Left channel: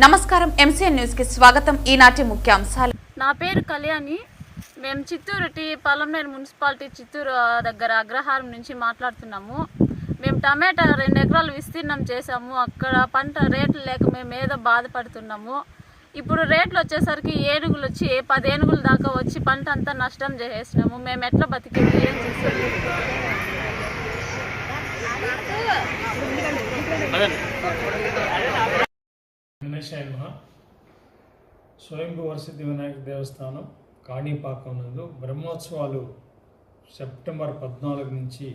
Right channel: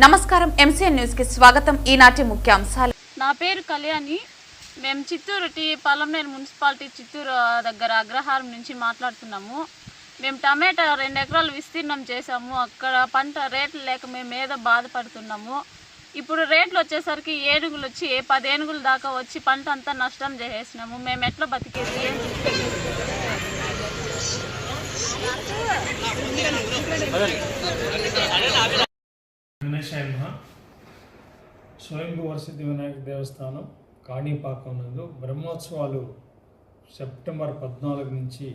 నమస్కారం MCN news కి స్వాగతం. ఈనాటి ముఖ్యాంశాలు. నా పేరు కళ్యాణి. మేము చిత్తూరు పలంనేరు మున్సిపాలిటీ చిత్తూరు దగ్గర అగ్రహారం నుంచి మాట్లాడుతున్నాము. మేము టమాటా 2 ఎకరాలు విస్తీర్ణం చేసాము. అక్కడ పంట రేట్లు లేక మేము ఏదో బాధపడుతున్నాము. ఇప్పుడు రేట్లు వచ్చేసరికి ఏనుగులు వచ్చి 10 ఏనుగుల దాకా వచ్చి పంట అంతా నష్టం చేసేసినాము. మేము ఎట్లా బతికేది, ఏం చేసేది? స్వయంభూ వరసిద్ధి వినాయక దేవస్థానం కాణిపాకం నందు బ్రహ్మోత్సవాలు సెప్టెంబర్ 14 నుంచి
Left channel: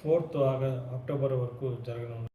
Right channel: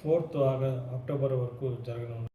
4th అక్టోబర్ వరకు జరగనున్నాయి.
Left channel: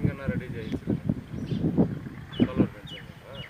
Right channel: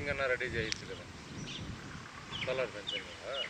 ఫెన్సింగ్ అన్న రెడీ చేయొచ్చు కదా, సోలార్ ఫెన్సింగ్ కదా.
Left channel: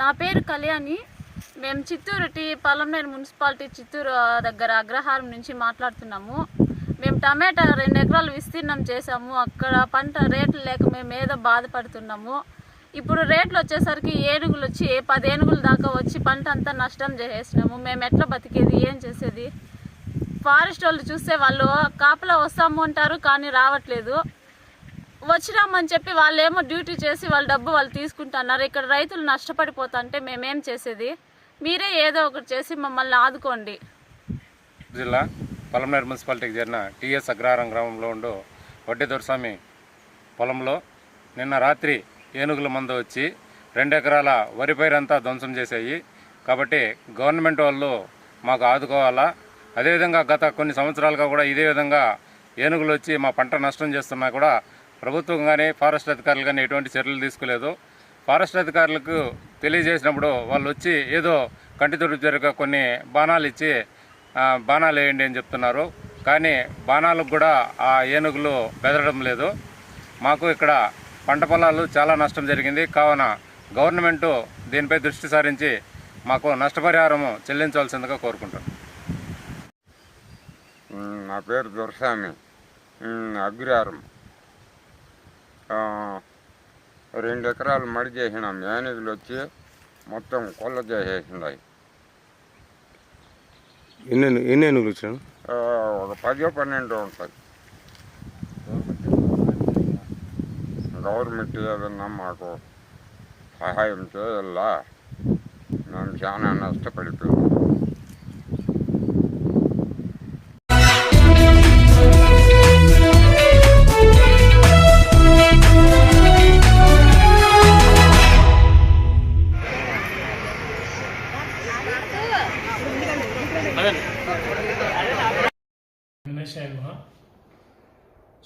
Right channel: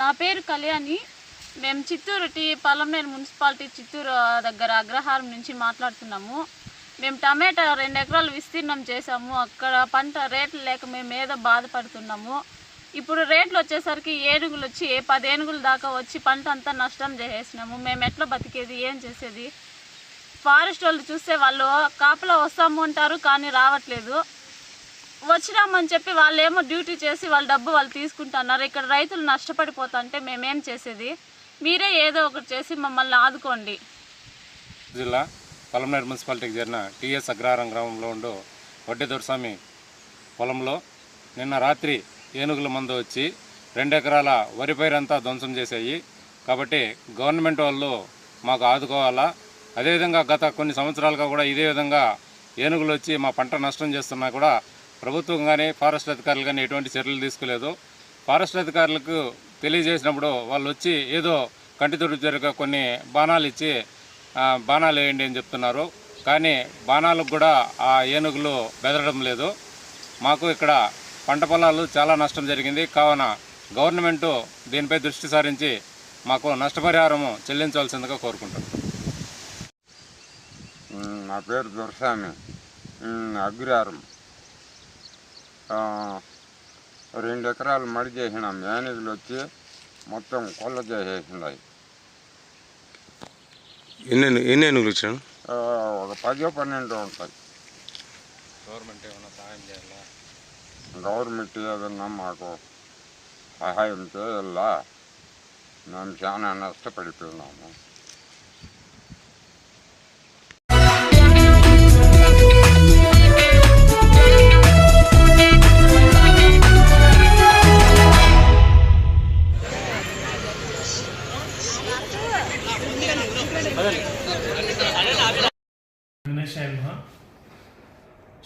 నా పేరు కళ్యాణి. మేము చిత్తూరు పలంనేరు మున్సిపాలిటీ చిత్తూరు దగ్గర అగ్రహారం నుంచి మాట్లాడుతున్నాము. మేము టమాటా 2 ఎకరాలు విస్తీర్ణం చేసాము. అక్కడ పంట రేట్లు లేక మేము ఏదో బాధపడుతున్నాము. ఇప్పుడు రేట్లు వచ్చేసరికి ఏనుగులు వచ్చి 10 ఏనుగుల దాకా వచ్చి పంట అంతా నష్టం చేసేసినాము. మేము ఎట్లా బతికేది, ఏం చేసేది? ఫారెస్ట్ వాళ్ళు చూస్తే వాళ్ళు కాపలా వస్తాము అంటారు, కానీ రావట్లేదు. వచ్చినామని చెప్పి వాళ్ళు ఏమో డ్యూటీ చేసి వాళ్ళ డబ్బు వాళ్ళు తీసుకుంటున్నారు. ఇక్కడ రైతులు నష్టపడిపోతుంటే మేమేం చేసేది? మీరే ఏదో ఒకటి చేసి మమ్మల్ని ఆదుకోండి. జిల్లా పలంనేరు మున్సిపాలిటీకి చేరిన టీఎస్ అగ్రహారం గ్రామంలో ఉండు వడ్డీ దొరస్వామి పొలంలో నిన్న రాత్రి ఏనుగుల మందు వచ్చి 2 ఎకరాల వరి పైరంతా ధ్వంసం చేశాయి. కాబట్టి గవర్నమెంట్ వాళ్ళు మాకు ఆదుకోవాలా. అదేవిధంగా గత కొన్ని సంవత్సరాలుగా కూడా ఇదే విధంగా ఏనుగులు వచ్చి మా పంట నష్టం చేస్తున్నా కూడా ప్రభుత్వం కానీ ఫారెస్ట్ అధికారులు కానీ ఎటువంటి చర్యలు తీసుకోలేదు. ఫారెస్ట్ అధికారులకు తెలియజేసినప్పుడు వాళ్ళు వచ్చి ఏదో కంటి తుడుచుగా కొన్ని బాణాలు ఇచ్చి బాణాలు వేయండి అని చెప్తున్నారు. కానీ బాణాలకు కూడా ఆ ఏనుగులు బెదరడం లేదు. మాకు ఇక్కడ పంట పొలాలు చాలా నష్టం జరిగింది. కావున గవర్నమెంటు దీనిపై దృష్టి సారించి మాకు నష్టపరిహారము చెల్లించవలసిందిగా కోరుకుంటున్నాను. నా పేరు దొరస్వామి, అగ్రహారం. 2 ఎకరాలు మడి చేసినాం. ఏనుగులు వచ్చి మొత్తం కొల్ల చేసేసినాయి. ఎన్ని ఏనుగులు వచ్చాను? ఒక 10-12 ఉంటాయి. గవర్నమెంట్ ఏదన్నా మాకు సహాయం చేయాలా, మేము చాలా నష్టపడిపోయాం.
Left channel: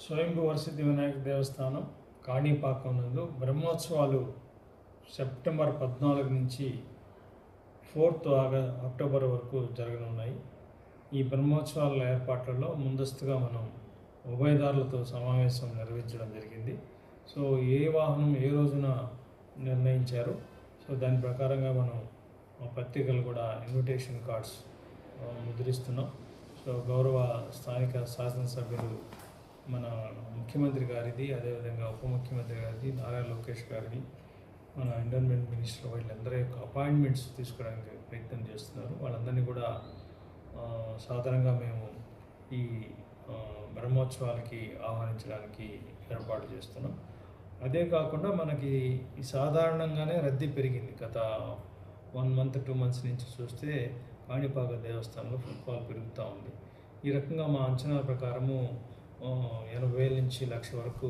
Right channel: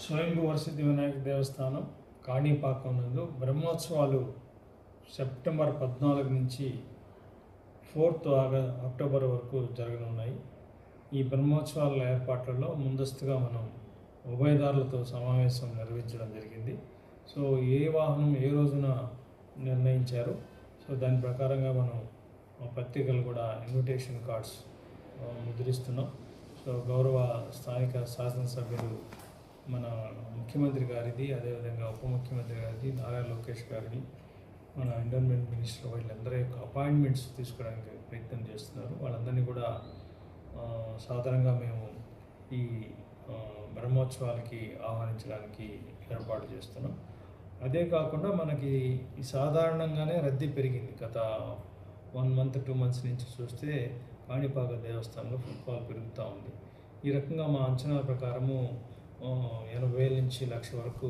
స్వయంభూ వరసిద్ధి వినాయక దేవస్థానం కాణిపాకం నందు బ్రహ్మోత్సవాలు సెప్టెంబర్ 14 నుంచి 4th అక్టోబర్ వరకు జరగనున్నాయి. ఈ బ్రహ్మోత్సవాల ఏర్పాట్లలో ముందస్తుగా మనం ఉభయదారులతో సమావేశం నిర్వహించడం జరిగింది. సో ఏ వాహనం ఏ రోజున నిర్ణయించారో సో దాని ప్రకారంగా మనం పత్రికలు కూడా ఇన్విటేషన్ కార్డ్స్ ముద్రిస్తున్నాం. సో గౌరవ స్థానిక శాసనసభ్యులు మన ముఖ్యమంత్రి గారిది, అదేవిధంగా ఉప ముఖ్యమంత్రి గారిది, నారా లోకేష్ గారిది, మన ఎన్విరాన్మెంట్ మినిస్టర్ వీళ్ళందరి యొక్క అపాయింట్మెంట్స్ తీసుకోవడానికి ప్రయత్నం చేస్తున్నారు. వాళ్ళందరినీ కూడా సాధారణంగా మేము ఈ బ్రహ్మోత్సవాలకి ఆహ్వానించడానికి ఏర్పాటు చేస్తున్నాం. అదే కాకుండా మనకి ఈ సాధారణంగానే రద్దీ పెరిగింది. గత 1 month 2 months నుంచి చూస్తే కాణిపాక దేవస్థానంలో ఫుట్ఫాల్ పెరుగుతూ ఉంది. ఈ రకంగా మా అంచనాల ప్రకారము 80,000 నుంచి 1,00,000 వరకు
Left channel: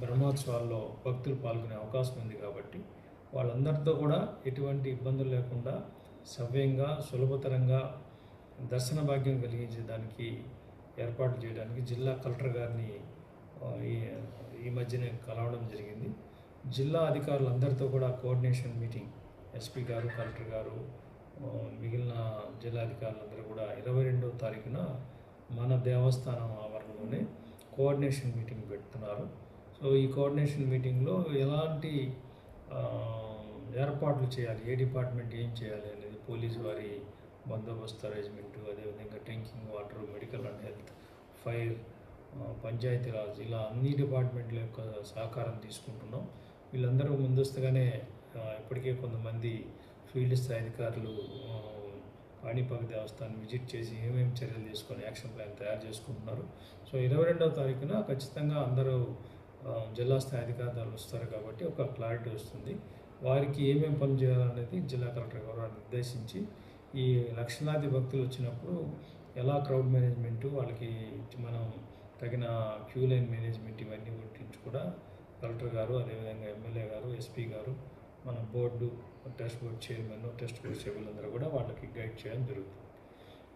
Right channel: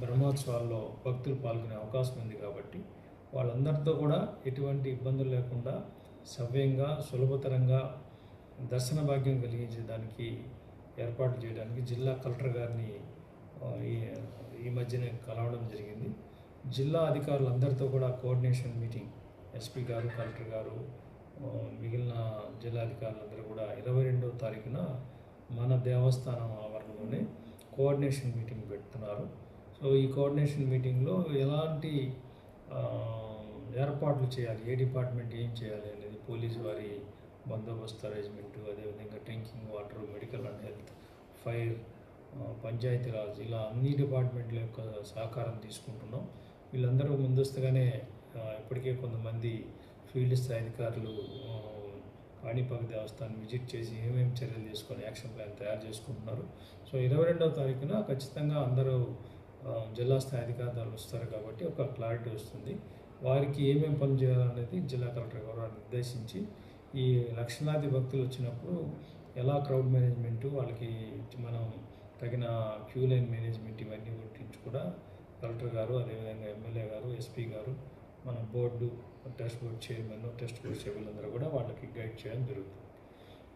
బ్రహ్మోత్సవాల్లో భక్తులు పాల్గొనే అవకాశం ఉంది. కాబట్టి వాళ్ళందరితో కూడా ఎటువంటి ఇబ్బందులు లేకుండా సవ్యంగా సులభతరంగా దర్శన భాగ్యం కలిగించేదానికి ఏర్పాటు చేయడానికి జిల్లా కలెక్టర్ గారిని ఈ మధ్యనే కలవడం జరిగింది. జిల్లా అధికారులందరితో కూడా కోఆర్డినేషన్ మీటింగ్ ఎస్పీ గారు, కలెక్టర్ గారు, మిగిలిన జిల్లా అధికారులందరూ కూడా 22వ తారీఖున మన దేవస్థానం ఆవరణలోనే కోఆర్డినేషన్ మీటింగ్ పెడుతున్నారు. సో ఈ కోఆర్డినేషన్ మీటింగ్లో ఎలాంటి ఏర్పాట్లు చేయాలి, ఏ డిపార్ట్మెంట్ ఏం చేయాలి అనేది, పోలీసు వారి బందోబస్తు అరేంజ్మెంటు, అదేవిధంగా drinking water, medical and health, fire, Panchayati Raj, ఇలా అన్ని డిపార్ట్మెంట్ల యొక్క సహకారం తీసుకుంటున్నాం. వీళ్ళందరూ ముందస్తుగానే ఇప్పటికే కొంతమంది ఫీల్డ్ స్థాయి అధికారులు కాణిపాక దేవస్థానం విజిట్ చేసి ఏమేమి చర్యలు తీసుకొని యాక్షన్ ప్లాన్ తయారు చేసుకుంటున్నారు. సో 22వ తారీఖున ఖచ్చితంగా అందరూ జిల్లా స్థాయి అధికారులు వస్తారు కాబట్టి ఒక క్లారిటీ వస్తుంది. వారికి ఏమేమి పనులు చేయాలనేది జిల్లా కలెక్టర్ గారు నిర్దేశించి ఈ లక్షలాది భక్తులు వచ్చినప్పుడు ఎలా క్రౌడ్ మేనేజ్మెంటు వాళ్ళకి మనం తగిన క్యూ లైన్ మేనేజ్మెంట్ ఇవన్నీ గురించి కూడా కలెక్టర్ గారు అదేవిధంగా ఎమ్మెల్యే గారు ఎస్పీ గారు మన board test board chairman test board సభ్యులందరూ కూడా వాళ్ళకి గైడ్ చేయడం జరుగుతుంది.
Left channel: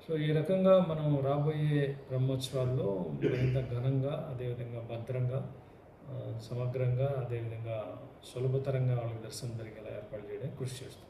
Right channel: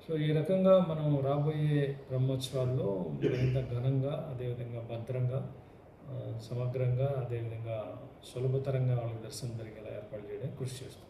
సో ఈ రకంగా మనం రాబోయే బ్రహ్మోత్సవాల్లో మరింత ఘనంగా అదేవిధంగా భద్రంగా సమగ్రంగా అదేవిధంగా సులభతరంగా వాళ్ళకి దర్శనం జరిగేలా ఏర్పాటు చేయడానికి కృషి చేస్తాం.